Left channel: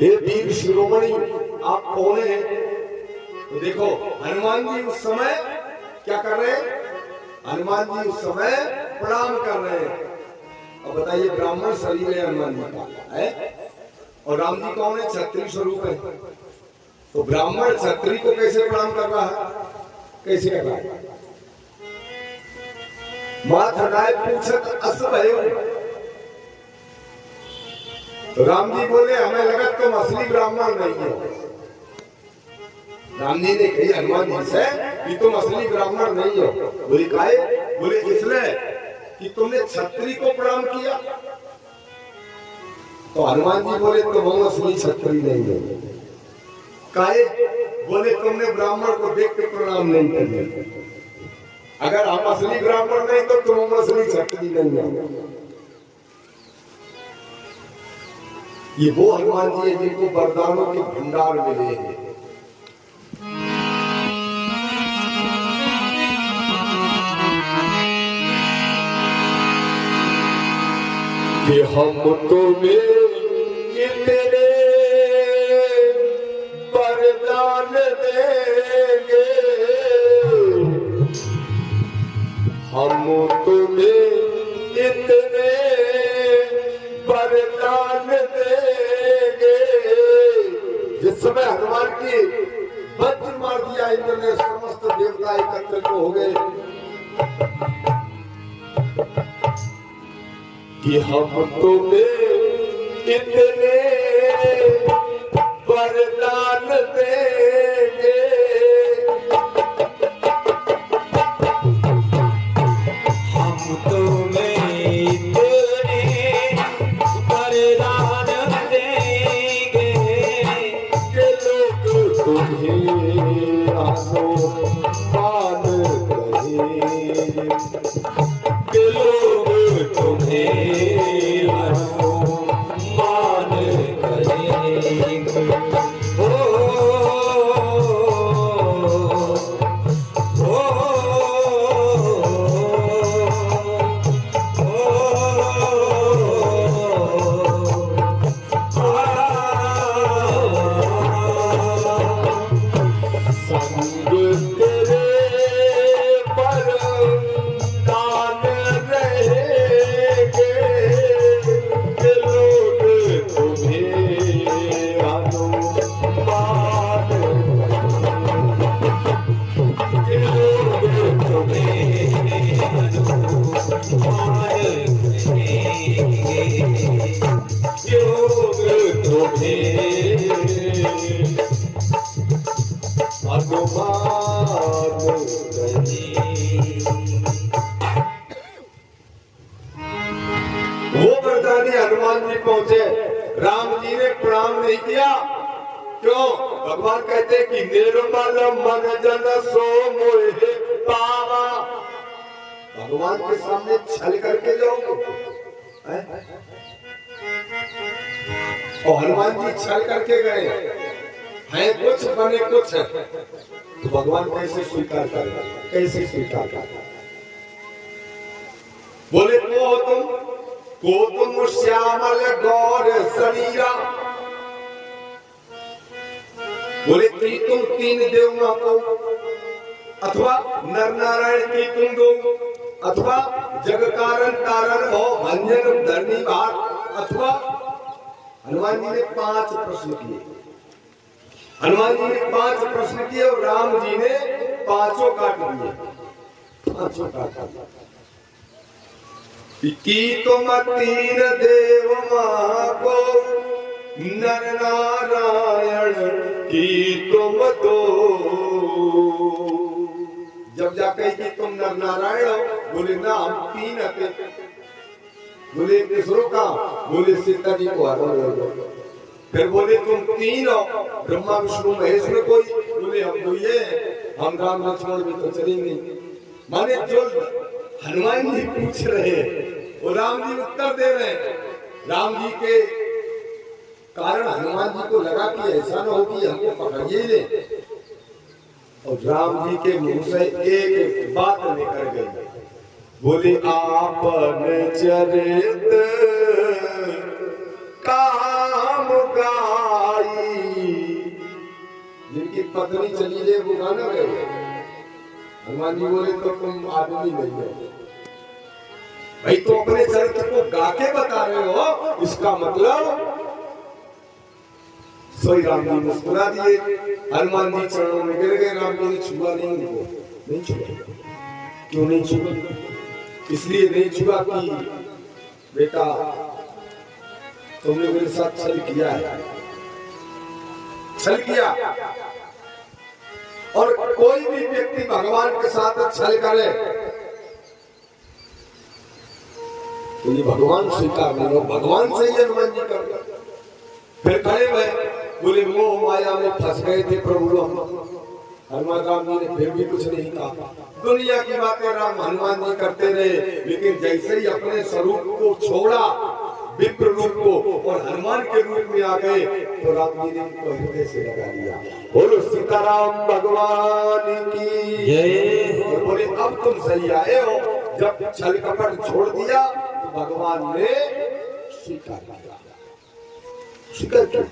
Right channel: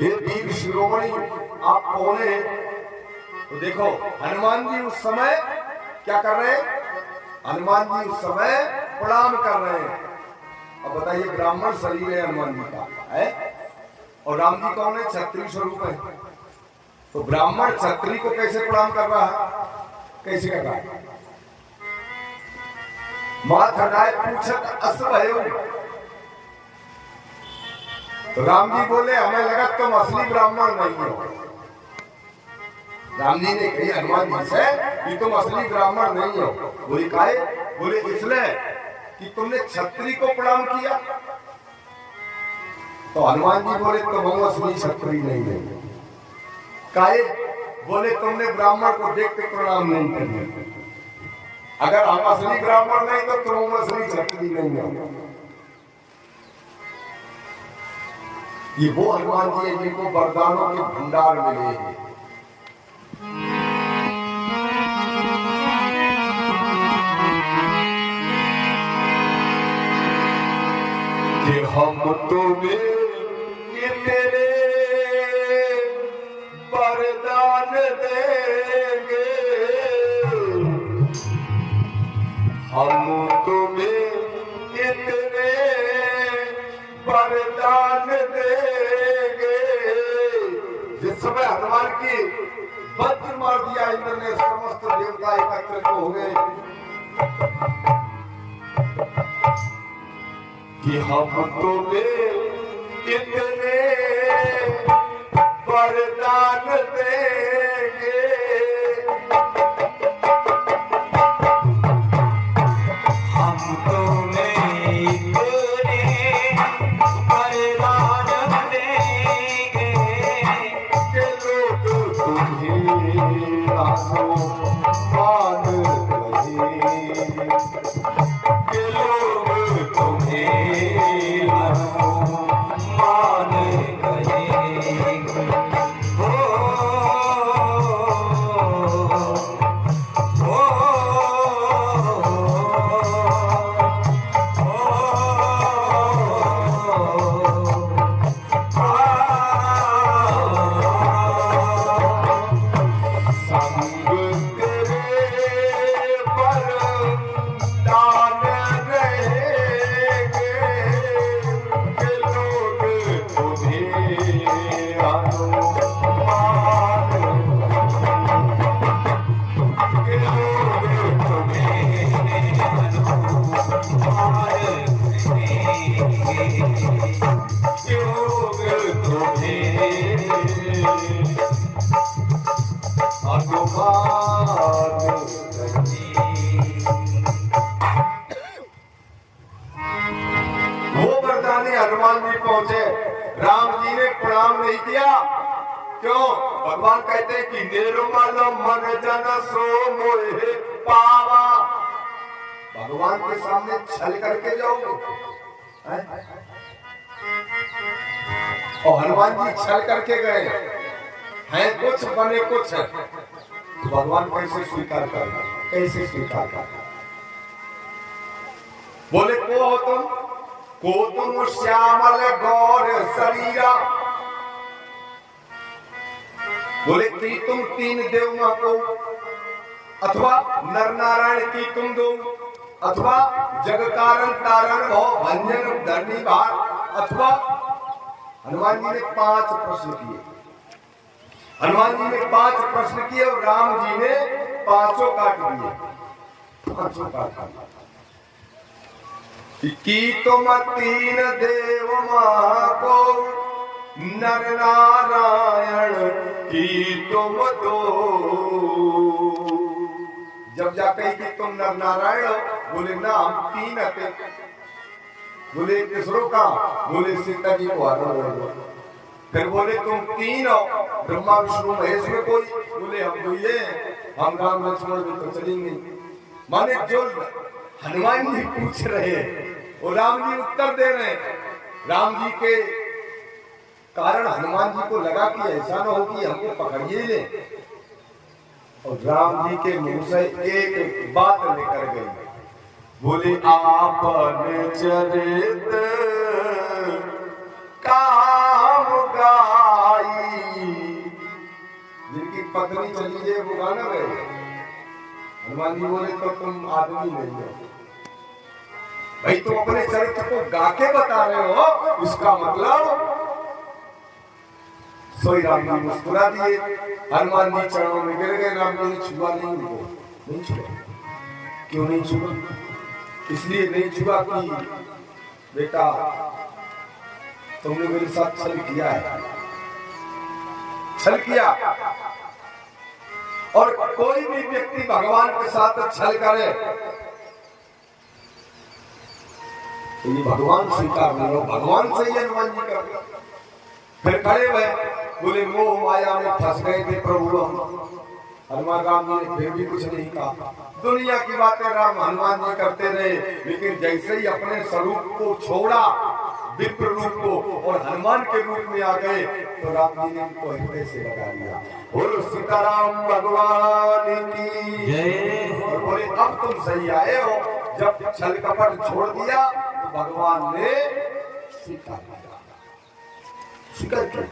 हे वीर शिरोमणि आप कौन है? तो देखो हनुमान जी उस समय क्या कर रहे हैं? हनुमान जी उस समय प्रणाम कर रहे हैं। अब बताइए ब्राह्मण शरीर है हनुमान जी का है और राम जी कौन है? क्षत्रिय स्वरूप है। तो ब्राह्मण क्षत्रिय को कैसे प्रणाम कर रहा है? कैसे कर रहा है? माथनाय पूछत अस भयो। तो राम जी बोले हमें लगा तुम असली ब्राह्मण नहीं हो। राम जी ने कही हनुमान जी से कि तुम असली ब्राह्मण नहीं हो। बोले काहे? बोले इसलिए कि तुमने क्षत्रिय को प्रणाम किया। तो हनुमान जी बोले तुम असली क्षत्रिय नहीं है। काहे? बोले तुमने ब्राह्मण को देख के प्रणाम नहीं किया। अगर हम असली ब्राह्मण नहीं तो तुम असली क्षत्रिय नहीं हो। ये वो हनुमान जी है जिनको वरदानों के भंडार मिले हैं। कि हम तुम्हें तेरे वरदान देंगे, हम तुम्हें इतने वरदान देंगे। जिस समय हनुमान की वज्र मार दिया इंद्र ने, समस्त देवता एकत्रित हो गए कि हम तुम्हें इतने वरदान देंगे। हम तुम्हें इतने वरदान देंगे कि लोग तुम्हें आसमान कहेंगे, कि लोग तुम्हें मान कहेंगे। हो वो वरदानी हनुमान जी पहुंचे। राम जी ने प्रणाम नहीं किया। क्यों? भगवान कहते हैं कि निर्मल मन जन सो मोहे पावा। भगवान के सामने छल करके जाओगे? और हनुमान जी छल करके गए हैं, कुछ बने कुछ है। तो भगवान कैसे स्वीकार करेगा? कैसे स्वीकार करेगा? बोले को हो तुम श्यामल गौर शरीरा। बोले कि तुम तीन देव को, अथवा नर नारायण की तुम दो, अथवा जग कारण तारण हो भंजन धरनी भार, अथवा हनुमान जी ने 5 प्रश्न किए। हनुमान जी ने 5 प्रश्न किए और राम जी ने 5 काट दिए। 5 काट दिए कि तुम तीन देव को, नर नारायण की तुम दो। जब जाके कि तुम नर नारायण हो, बोले ना हम 3 थे। बोले किसरो का? बोले सीता जी को हरण। फिर बोले तुम 3 हो, ब्रह्मा विष्णु महेश में कोई? बोले हम तो ये, हम राम लक्ष्मण भी तो चलेंगे। माने जो हनुमान जी पूछ रहे हैं और राम जी उत्तर दे रहे हैं। राम जी के कारण हनुमान जी को लगा कि ऐसा न हो कि हमको पकड़िए ले। और राम जी के मुंह से एक बात निकल गई। बोले आपन चरित काम गार पत्नी चली जाए वो गाना गए। हनुमान जी बोले तो तुम आदमी नहीं हो भाई, तो अपने चरित्र को गा के बता रहे हो, उसका मतलब। सोई राम जी मुस्कुरा दिए, हनुमान जी चरणों में गिर गए। राम जी ने छुआ नहीं उनको, नहीं छुआ। क्यों नहीं छुआ? इसलिए नहीं छुआ कि बेटा तुमने मेरे साथ छल किया है, छल किया। और कोई भी व्यक्ति भगवान के साथ छल करे तो ये भगवान स्वीकार नहीं हो, भगवान से ही हनुमान जी कर। फिर खड़े हुए बोले मोह माया में फंस गए थे प्रभु हम। हनुमान राम जी ने फिर भी कुछ नहीं कहा। दुनिया की बातें राम हनुमान जी करते रहे, लेकिन जैसे ही अपने स्वरूप को छोड़ा, विप्र रूप को, और हनुमान के रूप में आ गए, तो राम जी ने उनको हृदय से लगा लिया। बोलो सीताराम भगवान की जय। और बोले अब तुम सही आए हो। जब छल कपट छोड़ दिया तो भगवान ने स्वीकार किया, स्वीकार किया।